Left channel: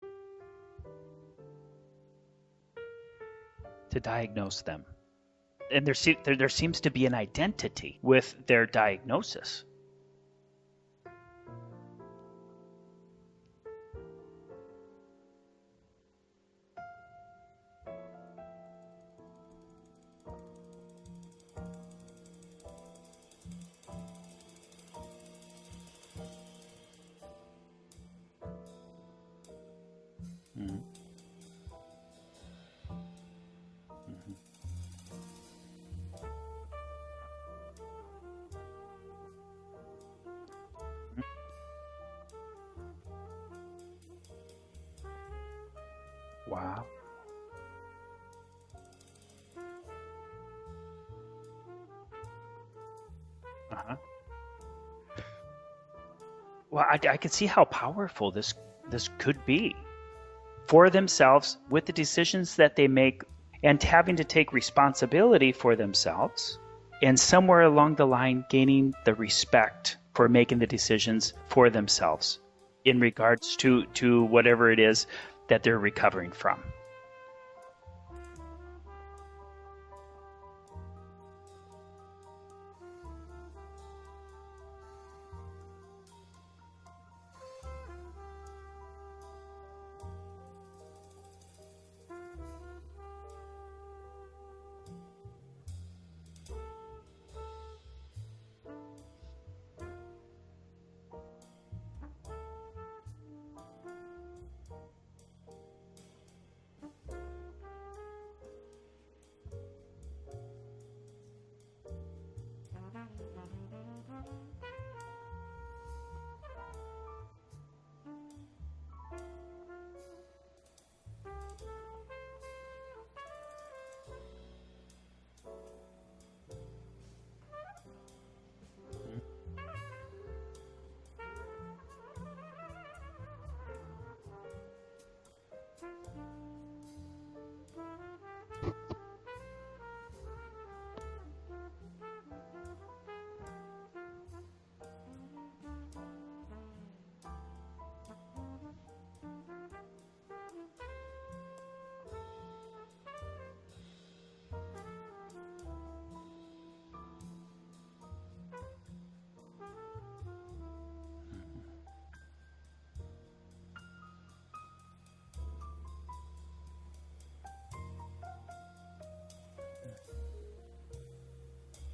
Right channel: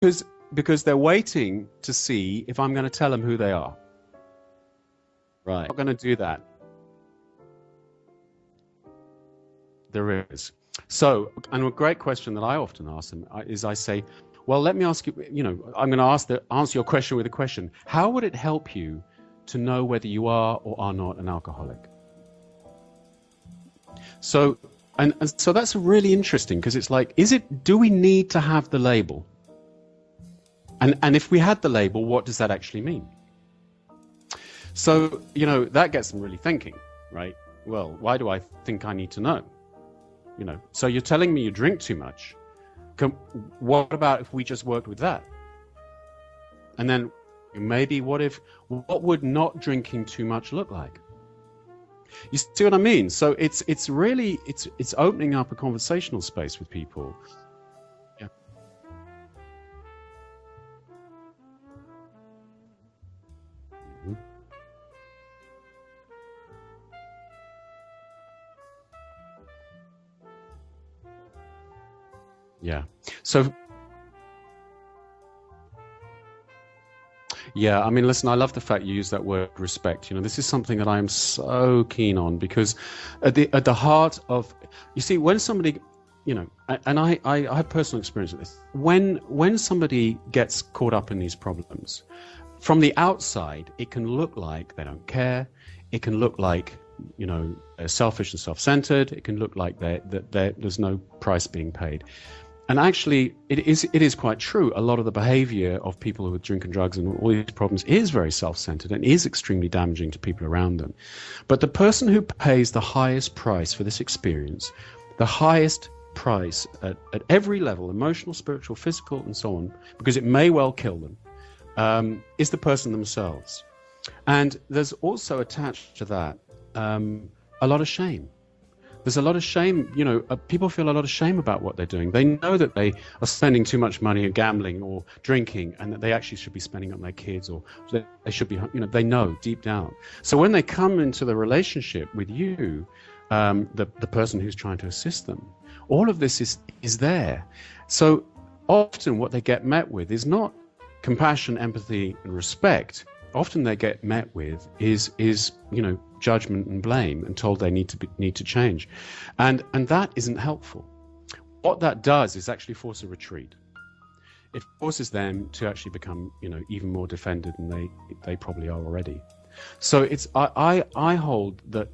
because they're waiting to see if I'm going to tell them who they are. To diagnose them. Right. And there seems to be an identity with their diagnosis. There is. So, and a great question that I often ask them is I say, well, let me ask you, I'm going to answer your question with a question. How would it help you to know whether you are or are not an alcoholic? So, and so that's really interesting, because it's like, do we need to have the label? And if we had the label, what does that actually mean? So, that gets them really thinking, right? Well, why do I think I need to know? So you're telling me you drink too much. What about if we just worked with that? Wow. And then maybe what would not drinking too much look like? You see what I mean? So it's really opening up a conversational space with people. Well, I can see how powerful this could be for themselves, with the decisions that they make, and having to take responsibility for themselves, and somewhere along the line gaining the respect for making the decisions for themselves. Yeah. In regards to whatever it is that they're recovering from. Yeah, I mean, listen, I love the fact you use that word respect. This is something that I am so keen on, because at the heart of, you see, when somebody, and I have personal experience with this. When somebody gets caught up in these problems, from the outside, it can look like they don't care. It can look like, they're selfish and self-centered. It can look like there's no price being paid. And actually, it is quite true. A lot of the behavior of people who are drinking drugs and all these problems is very self-centered and is extremely damaging to people around them. But the person who pays the highest price for this experience, the highest price at every level, emotional, spiritual, physical, and so on, because it may well kill them, is the person themselves. And there's also attached to that a lot of shame. There's a lot of shame, people feel a lot of shame about what they're doing. They know that they are spending too much money on gambling or drinking, and that they actually should be spending on their kids, or they should be, they know deep down. So when they come into the relationship with you, the person who's trying to assist them, all of this is there. So often what they get met with is not compassion, empathy, and respect. Often they get met with is judgment and blame, and told they need to change, and that isn't helpful. What that does is actually force a retreat. It forces them to actually become even more defended than they probably are already. So I hold that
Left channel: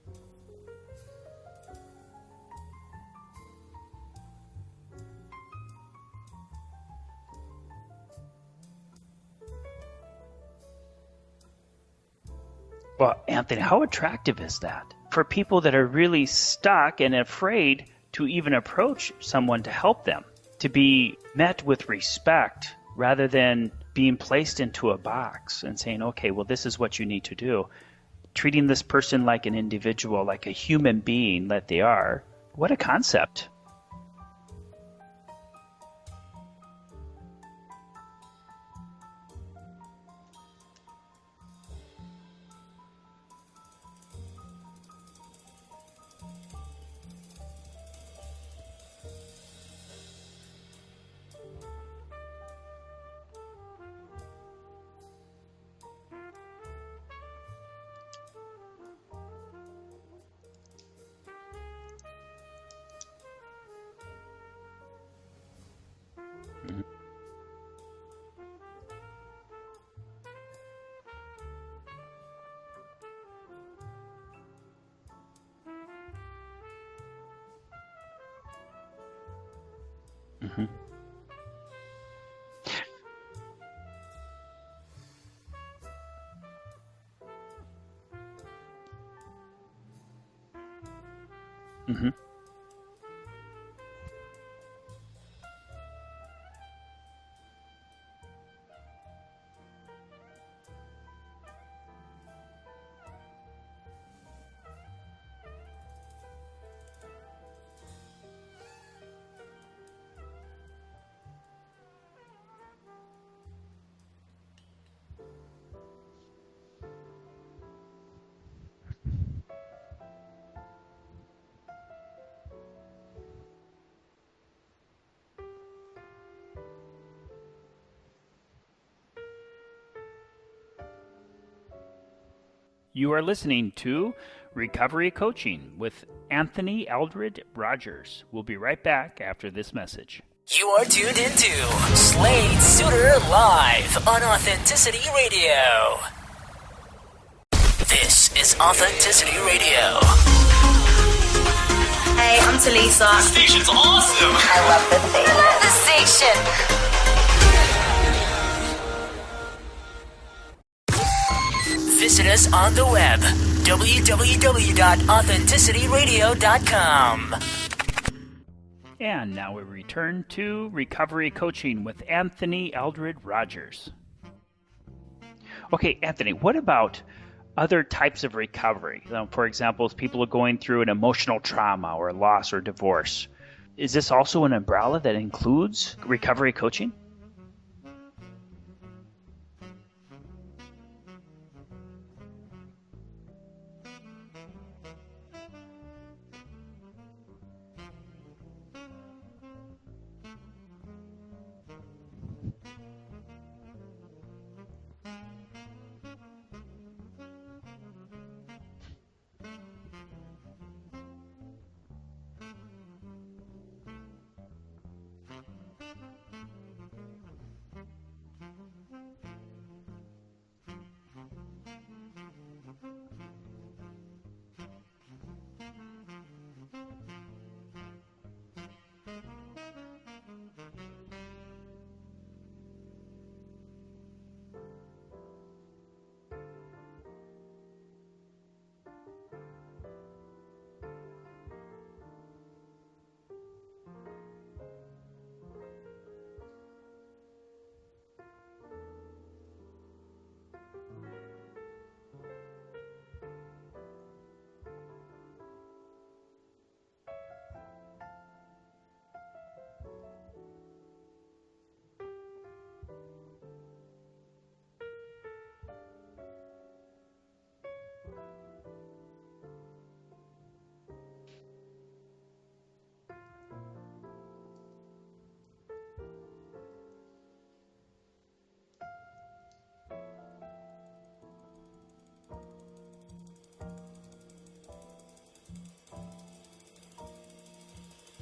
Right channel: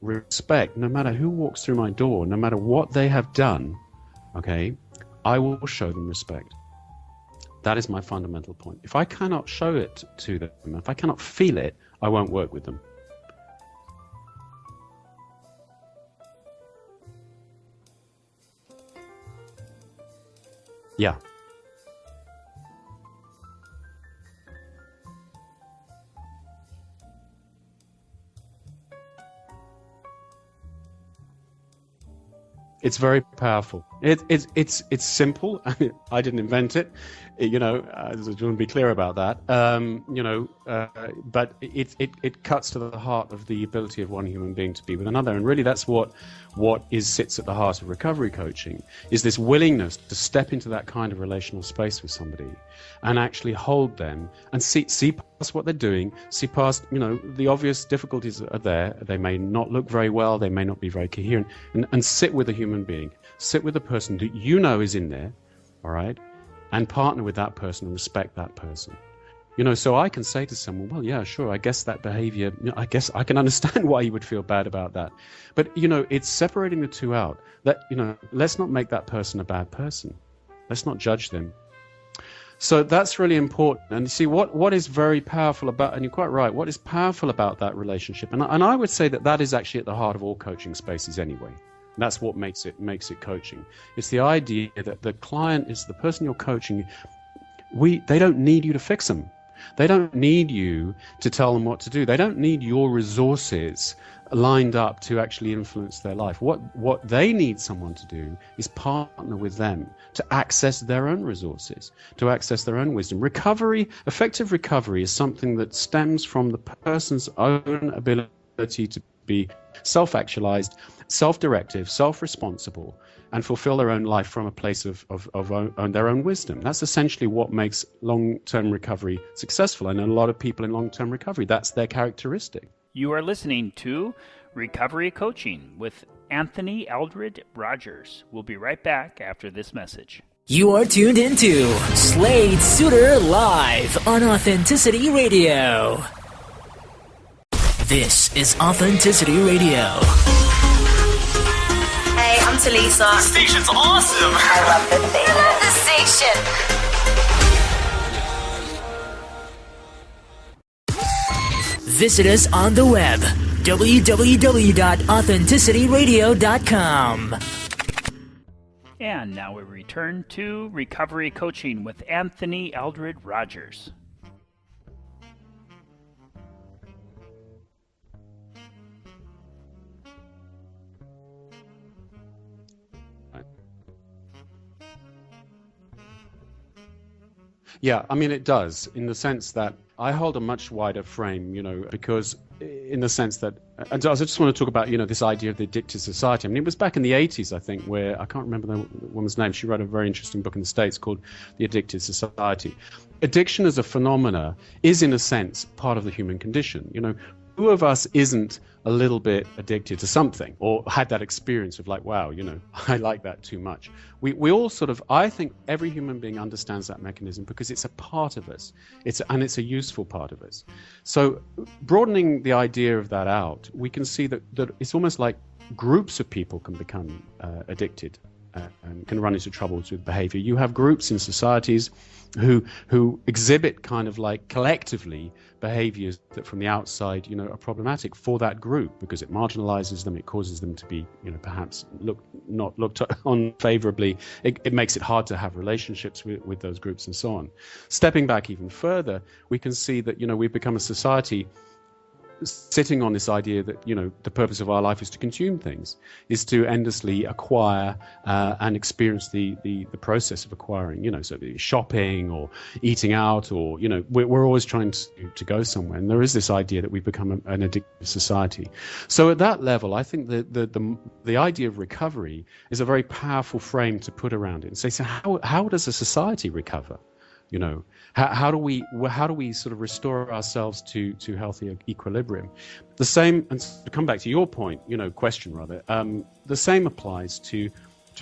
respect, no matter who walks through my door, no matter what they have done, okay, I will show them respect. That is my fundamental point. If I cannot show it to them, if I cannot feel it, I won't work with them. Well, Anthony, how attractive is that for people that are really stuck and afraid to even approach someone to help them, to be met with respect rather than being placed into a box and saying, okay, well, this is what you need to do. Treating this person like an individual, like a human being that they are. What a concept. It's very powerful. It's simple. I didn't invent it. I just want to be clear about that. But it cuts to the heart of the ability of one human being to be with another, and really that's what sits at the heart of recovery coaching, is this willingness to step into that kind of relational space with somebody and actually hold them and see past what they're doing, see past the obvious difficulties that are there. They may not look very well, they may not be very coherent, and sit with a human being, sit with a person that is in there, all right, and partner with that person and respect that person. So I can say to someone, well, yeah, sure, I guess that behavior, I guess I can understand why you would feel bad about that. But, it's separating the two out. That, let's not make that person a bad person. Mm-hmm. Let's not judge them. So that's really important. And you see, what is very powerful about, and you're quite right, what is powerful about that relationship, and I would say that is actually at the heart of all coaching spaces anyway. Mm-hmm. That's what makes it coaching. It's the idea that the client is the person you're coaching. They don't need you to fix them. They don't need you to tell them what to do. They don't need your resources lined up to actually influence their life. What they need someone to do is partner with them to access their own resources, to access their own wisdom. Effective recovery is something that stems from the person's own ability to be self-actualized, self-directive, self-responsible, and fulfill their own life from a place of their own wisdom. That's essentially what makes long-term recovery successful. And a lot of people in long-term recovery, that's their characteristic. You are listening to Recovery Coaching with Anthony Eldridge Rogers. We'll be right back after this message. You are tuned into Slade Suiter Live on Authenticity Radio. This is Authenticity Radio. Hey, I'm Talisa. This station's awesome. I love this station. I love this station. Visit us on the web, www.authenticityradio.com. And now we return to Recovery Coaching with Anthony Eldridge Rogers. Okay, Anthony, what about other types of recovery? For example, if people are going through an emotional trauma or loss or divorce, is this also an umbrella that includes recovery coaching? Yeah, I mean, it does, in the sense that I hold a much wider frame, because in the sense that, and I just want to talk about, this idea of the addicted society. I mean, it was back in the 80s, I think, where, I can't remember the woman's name, she wrote a very interesting book in the States called The Addicted Society. Addiction as a phenomena is, in a sense, part of the human condition. Who of us isn't a little bit addicted to something, or had that experience of like, wow, I like that too much. We all sort of, I think every human being understands that mechanism because it's a part of us. It's a useful part of us. So broadening the idea of that out, we can see that it's almost like groups of people can become addicted and can run into troubles with behavior. You have groups in societies who exhibit kind of like collectively behaviors that from the outside, are problematic for that group because it marginalizes them, it causes them to be, perhaps not looked on favorably. It makes it hard to have relationships with those groups and so on. Stepping back even further, we can see that, we've become a society sitting on this idea that, the purpose of our life is to consume things, is to endlessly acquire and experience the process of acquiring, so shopping or eating out or, we're always trying to go somewhere. And there is this idea that we've become an addictive society. So at that level, I think the idea of recovery is a very powerful frame to put around it and say, so how does a society recover? How do we sort of restore ourselves to healthy equilibrium? The same, and to come back to your point, question rather, the same applies to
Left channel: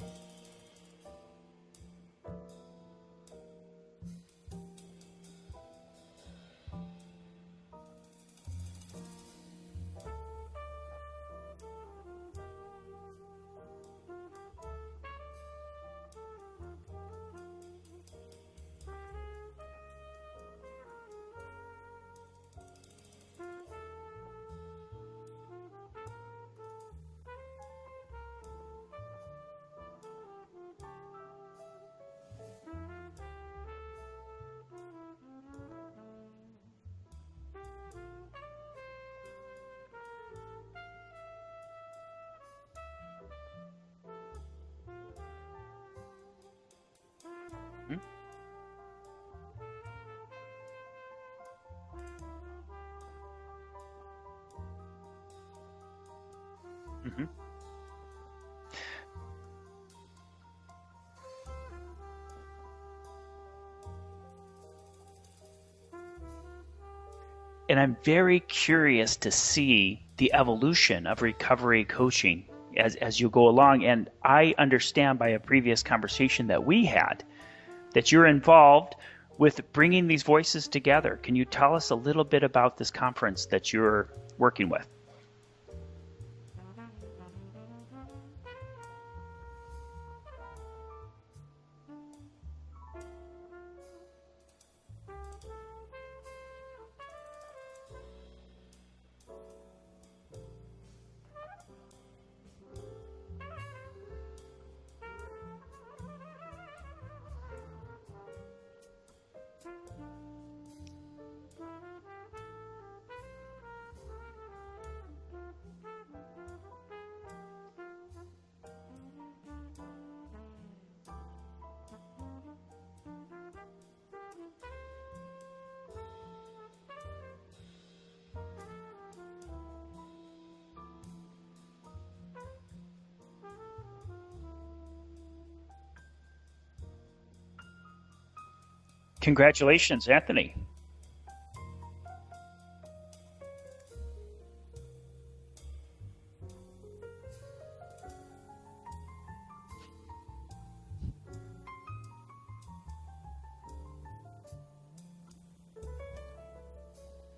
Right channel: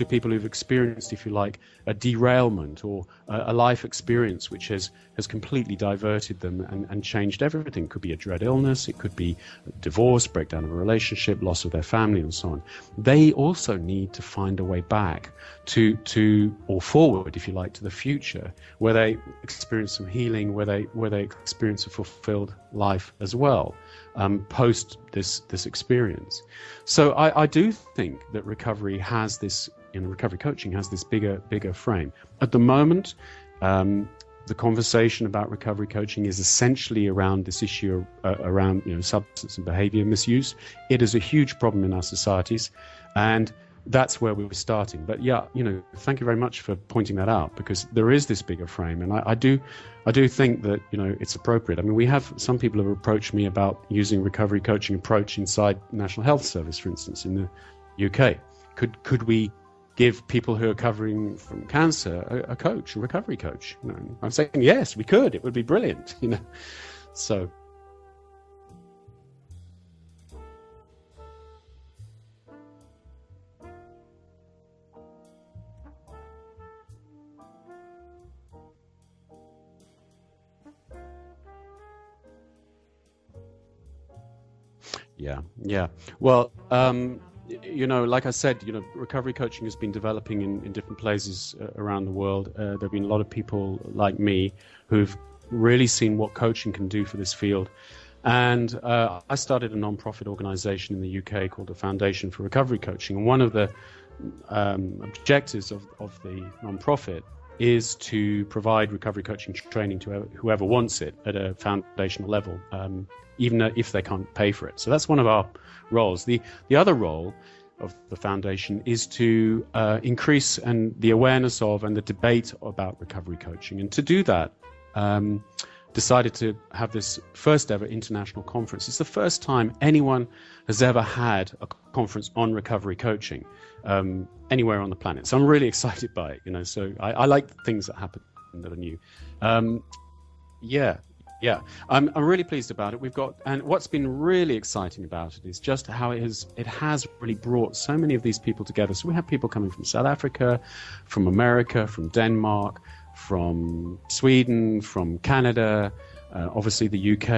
people who've experienced, if you like, a derailment or a life experience which has completely diverted them and changed everything. It could be a dread illness, it could be divorce, breakdown of a relationship, loss of their family, and so on. They also need to find a way back to or forward, if you like, to the future, where they experience some healing, where they experience a fulfilled life as well, post this experience. So I do think that recovery has this, recovery coaching has this bigger frame. At the moment, the conversation about recovery coaching is essentially around this issue around substance and behavior misuse. It is a huge problem in our societies, and that's where we were starting. But yeah, thank you very much for pointing that out, because there is this bigger frame, and I do think that it's appropriate. I mean, we have some people have approached me about using recovery coaching approach inside National Health Service, for instance, in the UK. Could we give people who are recovering from cancer a recovery coach? I'm saying yes, we could. It would be brilliant. So. And I'm very curious to see the evolution of recovery coaching as you go along. And I understand by a previous conversation that we had that you're involved with bringing these voices together. Can you tell us a little bit about this conference that you're working with? Yeah. Well, like I said, recovery coaching has been developing in different places around the world. There have been a lot of people like me who've really seen what coaching can do for this field. And I started a non-profit organization in the UK called the Foundation for Recovery Coaching. And one of the objectives of the non-profit is to provide recovery coaching training to whoever wants it at a foundational level, even if they can't pay for it. So that's one of our roles. The other role of the foundation is to increase the awareness of and the debate about recovery coaching. And to do that, decided to have this first ever international conference. It's the first time anyone has ever had a conference on recovery coaching anywhere on the planet. So I'm really excited by it, so I like things that happen that are new. Congratulations, Anthony. Yeah, I'm really pleased about it. And what's been really exciting about it is just how it has really brought so many of these people together. So we have people coming from South Africa, from America, from Denmark, from Sweden, from Canada, obviously the UK.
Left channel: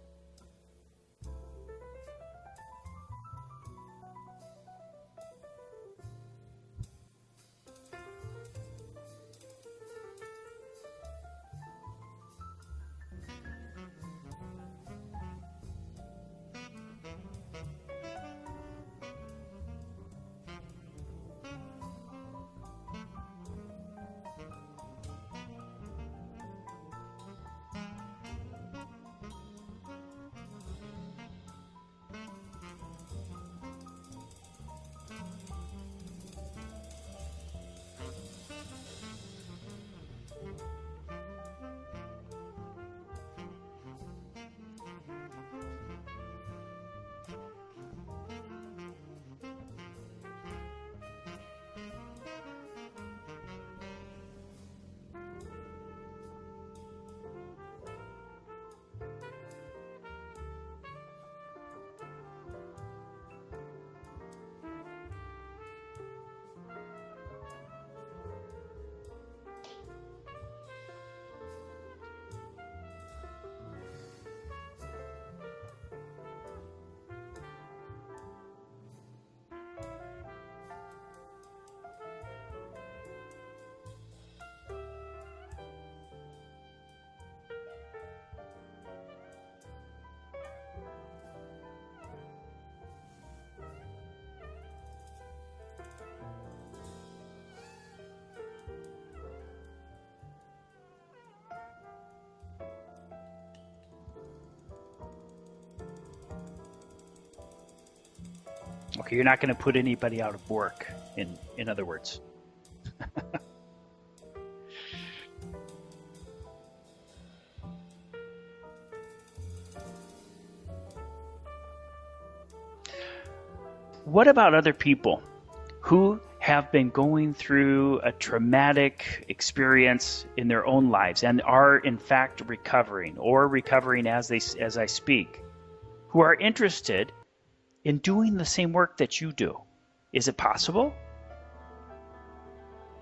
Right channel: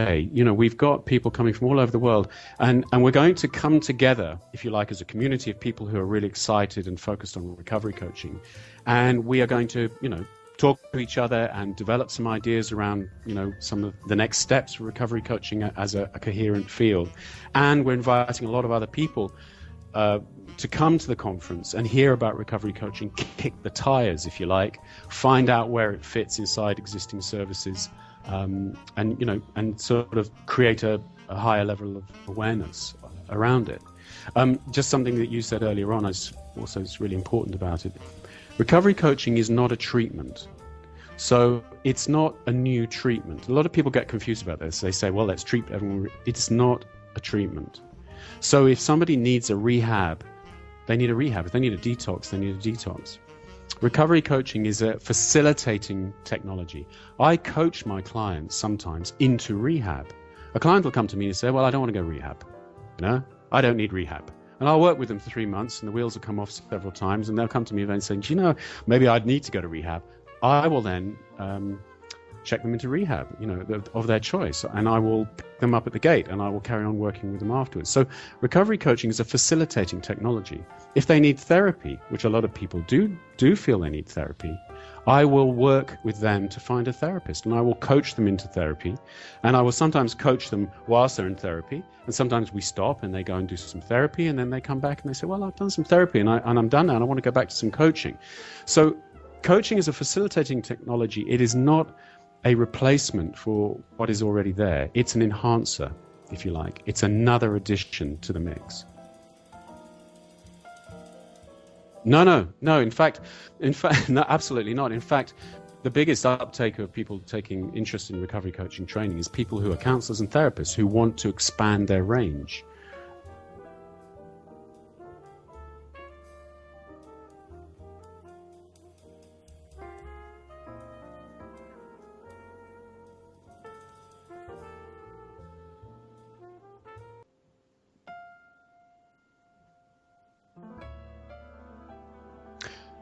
We've got people coming from all over the world, and we're going to come together, if you like, as a community of people who are really excited and focused on recovery coaching, and we are going to, talk to each other and develop some ideas around, some of the next steps for recovery coaching as a coherent field. And we're inviting a lot of other people to come to the conference and hear about recovery coaching, kick the tires, if you like, find out where it fits inside existing services, and sort of create a higher level of awareness around it. Just something that you said earlier on is really important about it. Recovery coaching is not a treatment. So it's not a new treatment. A lot of people get confused about this. They say, well, let's treat everyone. It's not a treatment. So if somebody needs a rehab, they need a rehab. If they need a detox, they need a detox. Recovery coaching is a facilitating technology. I coach my clients sometimes into rehab. A client will come to me and say, well, I don't want to go rehab. I don't need rehab. And I'll work with them for 3 months, and the wheels will come off several times, and they'll come to me and say, maybe I'd need to go to rehab. I will then check them into rehab, of their choice, and I will pick them up at the gate, and I will carry on working with them afterwards. So recovery coaching is a facilitating technology. If they need therapy, which a lot of people do feel they need therapy, I will work with them to find a therapist, and I will coach them into therapy, and I will sometimes coach them whilst they're in therapy, and sometimes we stop and they go and do some therapy, and then they come back and they say, well, I've done some therapy and I'm done now and I want to go back to some coaching. So coaching is a facilitating technology. It is not a replacement for what is already there. It's an enhancer, if you like. It's another addition to the mix. Okay, you're not going to put anybody out of work, in other words. No. In fact, no, absolutely not. In fact, the biggest uptake of people taking interest in recovery coaching training is people who are counselors and therapists who want to expand their range. What about other people who have been going through a traumatic experience in their own lives and are in fact recovering as I speak, who are interested in doing the same work that you do? Is it possible?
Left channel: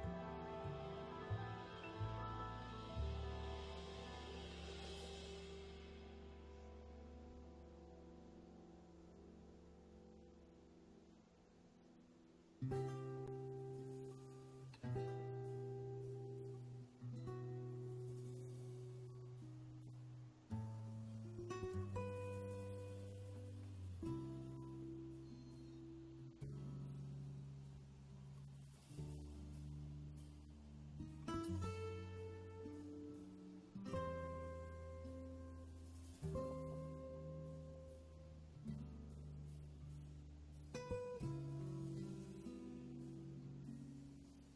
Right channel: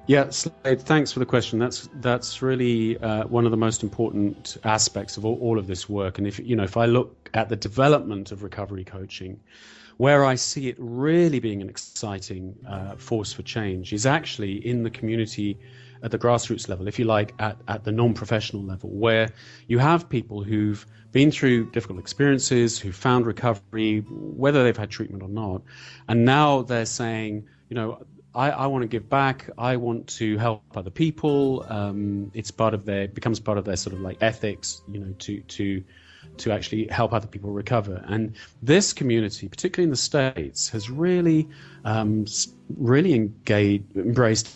Yeah, Slade, thanks for the question. That's really one of the most important aspects of all of this work. And if I look at the development of recovery coaching, where I see it really being an exciting force for change is actually in the community at the grassroots level, if you like, at the non-professional level, where you have people who've been through difficult experiences, who found recovery, whether they've had treatment or not, and now they're saying, I want to give back. I want to help other people. It's becomes part of their sort of like ethics, to actually help other people recover. And this community, particularly in the States, has really embraced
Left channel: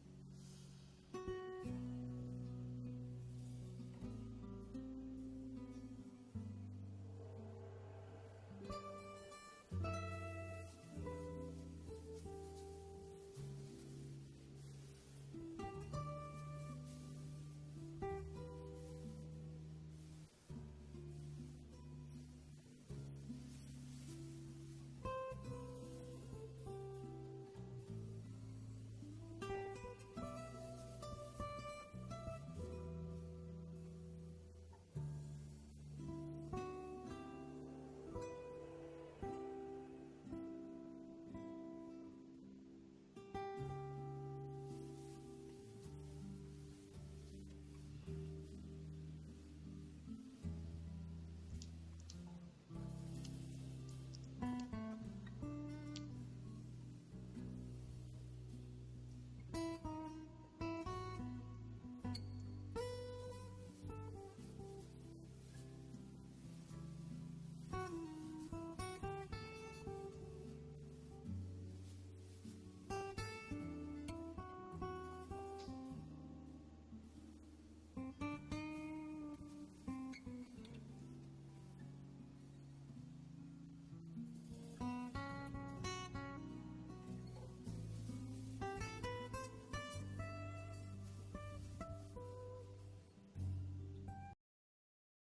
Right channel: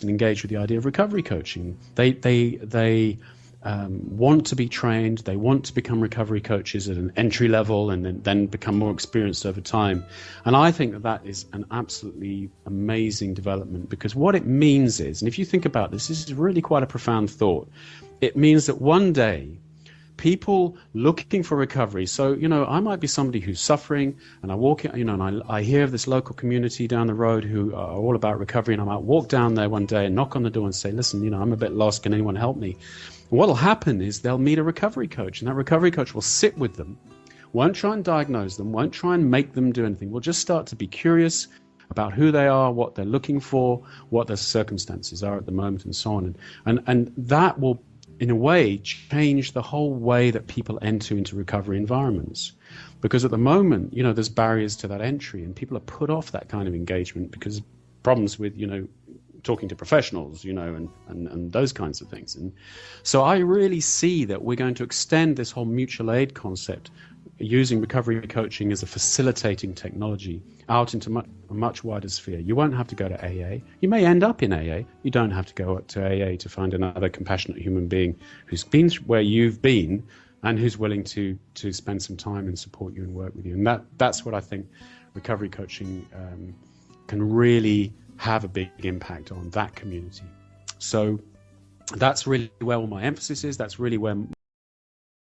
and engaged with the idea of recovery coaching. They want to be trained. They want to become recovery coaches at an entry level and then become more experienced over time. And I think that is an absolutely amazing development, because what it means is, and if you think about this is really quite a profound thought. It means that one day people looking for recovery. So, I might be somebody who's suffering, and I walk, and I hear of this local community down the road who are all about recovery, and I might walk down there one day and knock on the door and say, listen, I'm a bit lost. Can anyone help me? And what'll happen is they'll meet a recovery coach, and that recovery coach will sit with them, won't try and diagnose them, won't try and make them do anything. We'll just start to be curious about who they are, what they're looking for, what their circumstances are at the moment, and so on. And that will, in a way, change the whole way that people enter into recovery environments. Because at the moment, there's barriers to that entry, and people are put off that kind of engagement because problems with, talking to professionals, and those kinds of things. And so I really see that we're going to extend this whole mutual aid concept, using recovery coaching as a facilitating technology, out into a much wider sphere. You won't have to go to AA. You may end up in AA. You don't have to go up to AA to find another compassionate human being who's been where you've been and who's willing to spend some time and support you and work with you. And that's what I think recovery coaching can really have a big impact on that community. So that's really where all my emphasis is. That's really where